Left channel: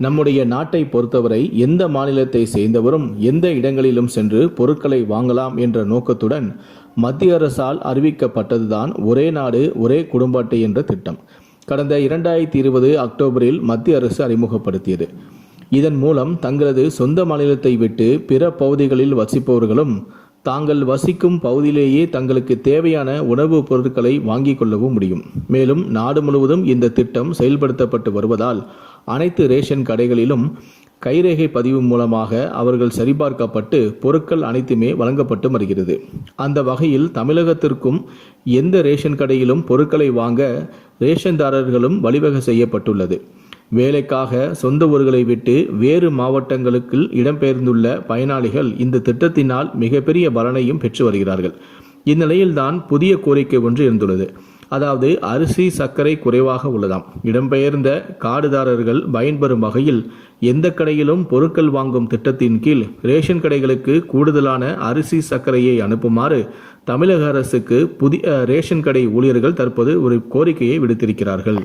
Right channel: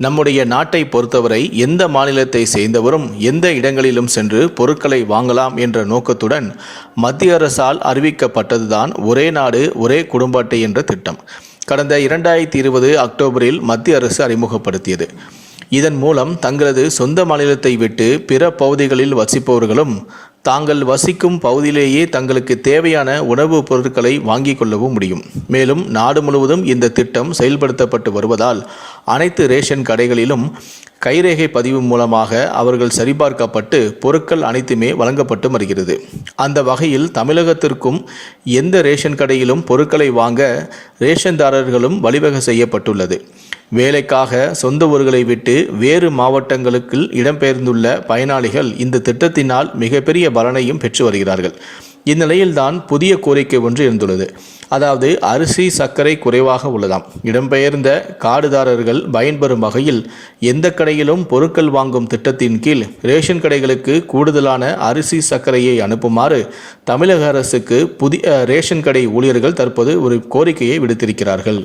நம்முடைய நாட்டை பொறுத்தவரை எந்த மாநிலத்தை சேர்ந்தவரும் எந்த இடங்களிலும் சென்று பொருட்களை வாங்கலாம் என்ற நோக்கத்துடன் மத்திய அரசால் அறிவிக்கப்பட்டதுதான் ஒரே நாடு ஒரே குடும்ப அட்டை என்ற திட்டம். கடந்த இரண்டாயிரத்தி இருபது அக்டோபரில் மத்திய அரசு அறிமுகப்படுத்தியது. இதன் மூலம் தங்களது சொந்த மாநிலத்தை விட்டு பிற பகுதிகளில் வசிப்பவர்களும் தாங்கள் வசிக்கும் பகுதியிலேயே தங்களுக்கு தேவையான உணவுப் பொருட்களை வாங்கிக் கொள்ளவும் முடியும். மேலும் நாடு முழுவதும் இந்த திட்டம் செயல்படுத்தப்பட்டு வருவதால் அனைத்து ரேஷன் கடைகளிலும் கைரேகை பதிவு மூலமாக அவர்கள் சரிபார்க்கப்பட்டு பொருட்கள் அனைத்துமே வழங்கப்பட்டு வருகிறது. அந்த வகையில் தமிழகத்திற்கும் எந்த ரேஷன் கடையிலும் பொருட்களை வாங்க ரேஷன்தாரர்களும் வழிவகை செய்யப்பட்டுள்ளது. வேலைக்காக சொந்த ஊர்களை விட்டு வேறு மாவட்டங்களுக்கு இடம்பெயர்ந்துள்ள பயனாளிகள் இந்த திட்டத்தினால் மிகப்பெரிய பலனையும் பெற்று வருகிறார்கள். இந்நிலையில்தான் புதிய கோரிக்கை ஒன்று இருந்துள்ளது அதாவது அரிசி சர்க்கரை குறைவாக உள்ளதாம். இடம்பெயர்ந்த காடுதாரர்கள் பயன்பெறும் வகையில் எந்த கடையிலும் பொருட்கள் வாங்கும் திட்டத்தின் கீழ் ரேஷன் கடைகளுக்கு கூடுதலான அரிசி சர்க்கரையை அனுப்புமாறு தமிழக அரசுக்கு புதிய ரேஷன் கடை ஊழியர்கள் தற்போது ஒரு கோரிக்கையை விடுத்திருக்கிறார்கள்.